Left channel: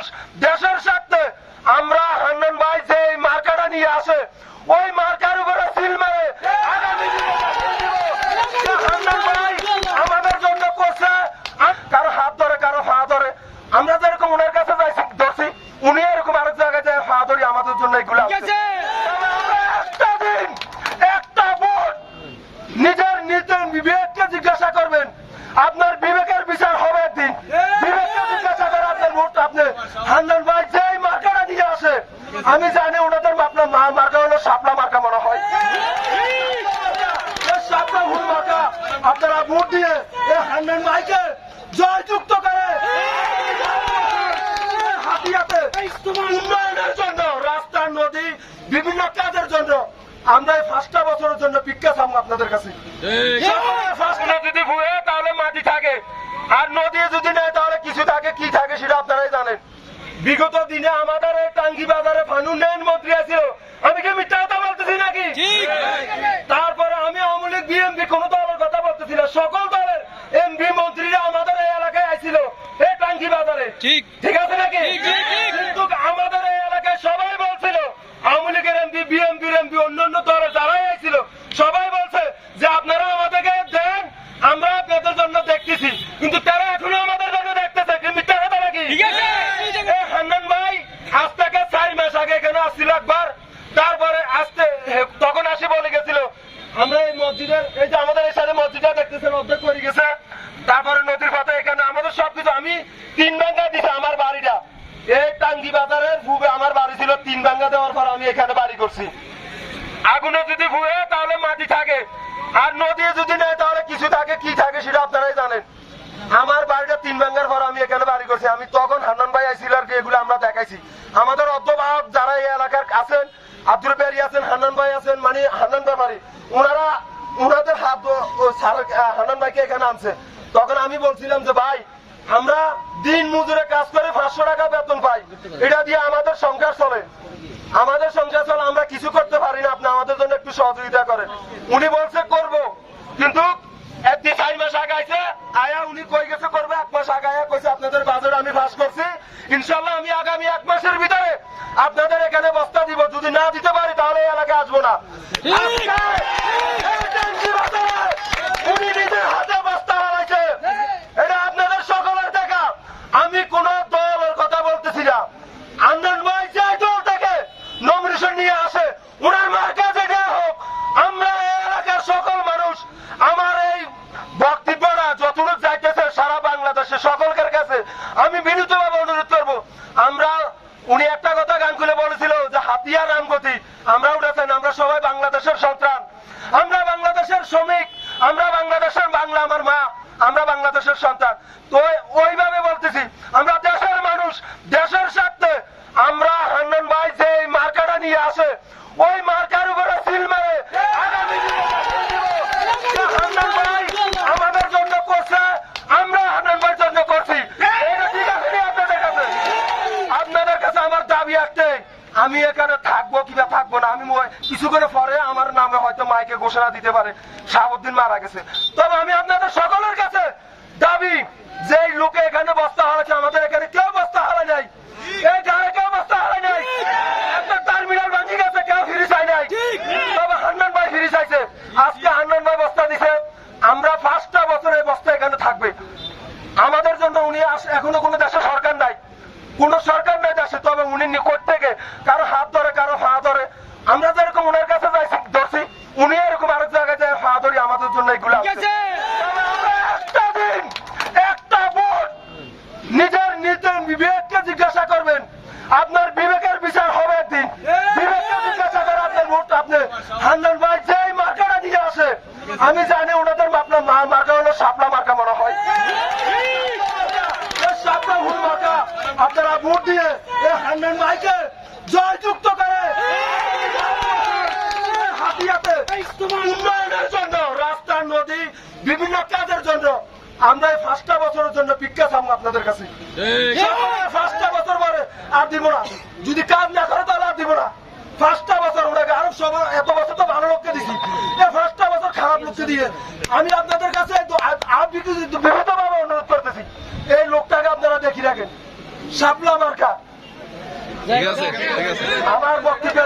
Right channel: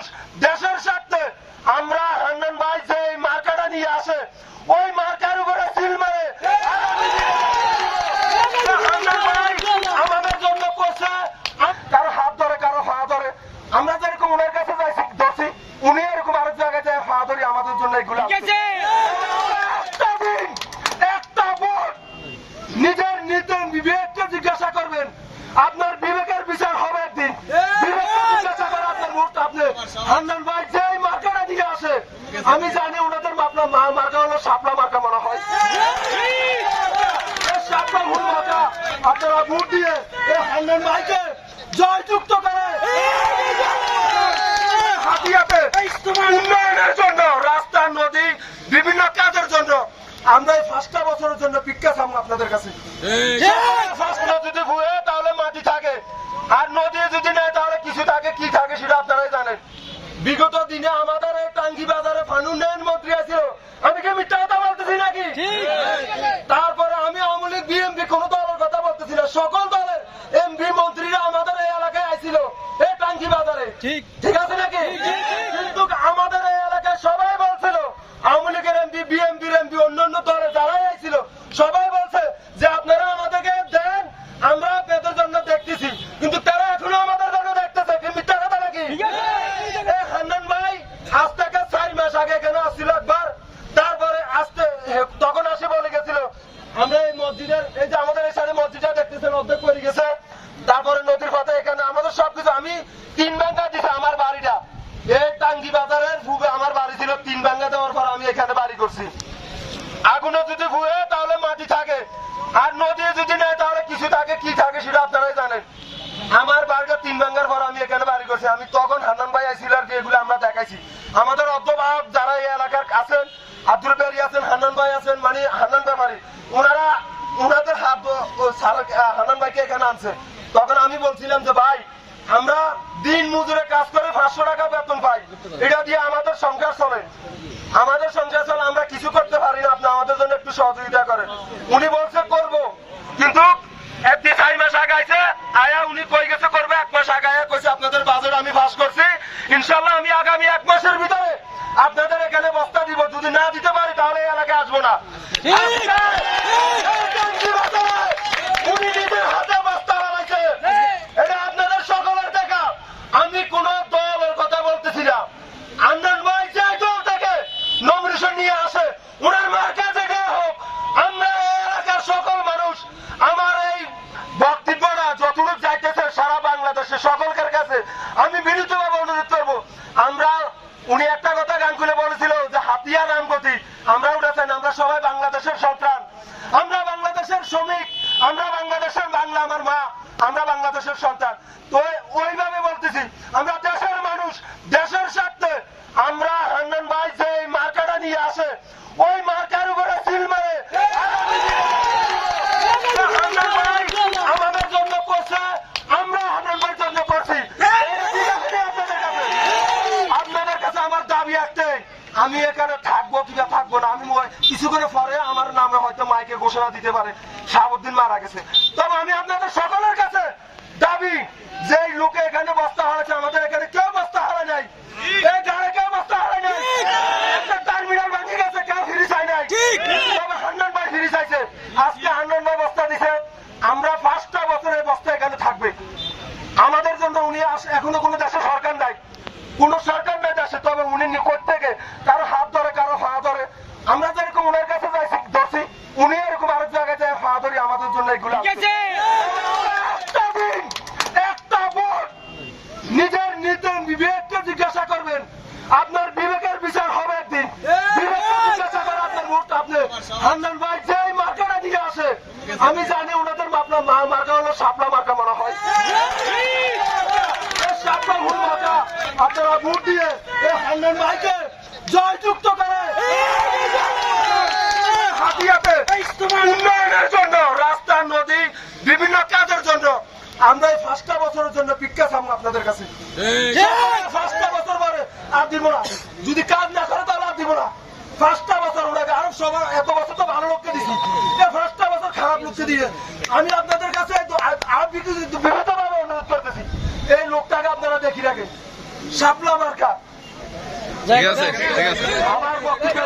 মানুষ দেশের স্বার্থে আমরা হান্নান ভাই যে মার্কাটা নিয়ে আসে ওই মার্কার উপরে সিল মারে কারও হাত ধরে কারও পা ধরে। আমরা যেরকম ওনার কাছে ধরছি উনি এরকম আরেক জায়গায় যায় পা ধরি আমাদের জন্য এগুলো একটা দিন একটা ভোট নিজের নিজের বিবেককে জিজ্ঞাসা করবেন আপনার বিবেকের বিচার হবে একদিন বিবেককে জিজ্ঞাসা করে আপনার ভোট আপনি হান্নান ভাই যেই মার্কাটা দিয়ে আসে আমি জানি ওনাদের আপনার মা মার্কা হলো সাপলা মার্কা মনে হয়। সাপলা ভুল মার্কা আপনারা ভোট দিয়ে এই হান্নান ভাইকে জয়যুক্ত করে। উন্নয়নের জন্য রাস্তা নদী বিভিন্ন কাজের জন্য। আমরা পাঁচটা বছরের জন্য ভিক্ষা চাবো আপনাদের কাছে। যদি ভুয়ে তাহলে মাটি থাকে। আর নদী যদি নেই তাহলে কিছু থাকে কি থাকে সেটা আপনারাই জানেন। বিগত দিনে আমাদের আছিল আমি কি মিথ্যা কথা বলতেছি নাকি? তারপরে আমি আওয়ামী লীগ বিএমপি কোন দলের কথা বলতেছি না। সকল দলের এমপি মন্ত্রীরা আমাদের এই এলাকায় আইছিল এই টাঙ্গি বাজারে। ঠিক। আছে নাকি? কিন্তু আমাদের এই এলাকায় সবাই বলছিল আওয়ামী লীগের এমপি বিএমপির এমপি অন্যান্য দলে যারাই আইছিল সবাই বলছে যে আপনারা আমাদেরকে দেন আমরা আপনাদের জন্য দেখতেছি। কিন্তু তারা এখনও আমাদের জন্য দেখতেছে কি মিথ্যা কথা নাকি ঠিক আছে। এ হান্নান ভাই আজ থেকে চার মাস আগে এখানে আসছিল একবার তারপরে আসতে তখন আসে বলে গেছিল, আমরা এই মসজিদের, এই যে আমাদের এই সাথে মসজিদটা দেখতেছেন, অর্ধেক করে গেছে। তারপরে নদীর পাতে এখানে, আমাদের সবকিছু, আমি তিন ভাঙ্গা দিছি আমার বাড়িটা। এই টাঙ্গি বাজারের ভুবে আমার বাড়ি ছিল, তিন ভাঙ্গা দেওয়ার পর আমি এখানে বাড়ি করছি। আগুনে যদি ভুয়ে, তাহলে মাটি থাকে। আর নদী যদি নেই তাহলে কিছু থাকে, কি থাকে সেটা আপনারাই জানেন। আমার বাড়িটা তিন ভাঙ্গার পর আমি এখানে বাড়ি করছি। আমি তখন হান্নান ভাই আইছিল আর কি, এগুলো আমরা দেখাইছি। আমাদের আব্দুল বেরি আছেন, হান্নান ভাই আছেন মানে হান্নান ব্যাপারী। ওনারা ওনাদের হাত হান্নান ভাইকে এখানে আনছেন তখন আমি বলছিলাম যে, ভাই, আমরা দিন মজুরে কাজ করে পাঁচশো টাকা বেতন পাই। এটা দিয়ে আমাদের সংসার চলে। আমাদের সংসার চলে, আমরা কিছু করতে পারি না। আপনি আমাদের জন্য একটু সহযোগিতা করেন। উনি বলছে, করব। কিন্তু একদিন চার মাস আগাইছে, আয়া উনি কই গেছে করবে? এক মাস আগায়া কইছে, আপনাদের বাজেট আমি পাস করছি। ইনশাল্লাহ আমি আগামী এক মাসের ভিতরে আপনাদের এখানে বস্তা দিব? যদি না দিতে পারি তাহলে এলাকায় আসব না। উনি নিজের হাতে বস্তা হারাইছে এটা আপনাদের সকলের দেখা। আমি কোন দলের কথা বলতেছি না। আন্দাজ ভাই যে দল থেকে নমিনেশন নিয়ে আসে ওনার মার্কা থেকে হোক আমরা এলাকার সকল মানুষ আমার এই বক্তব্যটা যতটুকু যাইতেছে সারা বাংলাদেশে সকলের কাছে আমি উনি একটা কথা গান খুলে বলেছিল যে হাতিয়া রামগতি আমরা উঠেছেন আমরা সবাই বাংলাদেশের সন্তান। আমরা বাংলাদেশের শ্রমিক, আমরা বাংলাদেশের বাংলা আমার মা, আমরা বাংলাদেশের সন্তান। তো ওইভাবে বলতেছি আমরা দেশের মানুষ দেশের স্বার্থে আমরা হান্নান ভাই যে এই মার্কাটা নিয়ে আসে ওই মার্কার উপরে সিল মারে আগামী দিনে আমাদের জন্য করছে আমরা হান্নান ভাইয়ের জন্য করছি এটা ঠিক আছে নি আপনাদের কাছে? আপনাদের কাছে আমার দাবি একটাই আমি এখানে থাকব কিংবা থাকব না আমি কিছু করে পরে আমার নামে হয়তো মাইকে ঘোষণা দিতে পারে শাহাবুদ্দিন মারা গেছে। তবে আমি আপনাদের সকলের কাছে দাবি যে লোকে এখানে বস্তা হারাচ্ছে আমাদের এখানে কেউ বস্তা হারা নাই। এই কেউ বস্তা হারা নাই। টার্মিনাল ভাঙি গেছে কেউ ফিরি চাই নাই। তবে হান্নান ভাই ফিরি চাইছে। আজকে হান্নান ভাই বস্তা দিছে। আমরা পাঁচটা বছর এই বস্তা এখানে থাকবে। আমাদের জন্য উনি এখনও কোনো দেশে সরকার নাই। কোন সরকার আমাদের জন্য এগুলো একটা ভোট। নিজের নিজের বিবেককে জিজ্ঞাসা করবেন। আপনার বিবেকের বিচার হবে একদিন। বিবেককে জিজ্ঞাসা করে আপনার ভোট আপনি হান্নান ভাই যেই মার্কাটা দিয়ে আসে আমি জানি ওনাদের আপনার মা মার্কা হলো সাপলা মার্কা মনে হয়। সাপলা ভুল মার্কা আপনারা ভোট দিয়ে এই হান্নান ভাইকে জয়যুক্ত করে। জন্য রাস্তা নদী বিভিন্ন কাজের জন্য। আমরা পাঁচটা বছরের জন্য ভিক্ষা চাবো আপনাদের কাছে। পাঁচটা বছর পরে আর দিব না। যদি কাজ না করে তাহলে আর দিব না। পাঁচটা বছর ওনাকে আরও সবার এত বছর তো ভালো লোককে দিছি। এই পাঁচটা বছর খারাপ লোককে দিয়ে আমি আপনাদের কাছে বিগত ভাবে অনুরোধ করতেছি এই লোকটাকে আপনারা দেখি রাখেন। শাপলা মার্কা। ঠিক আছে ঠিক আছে। আমার বক্তব্য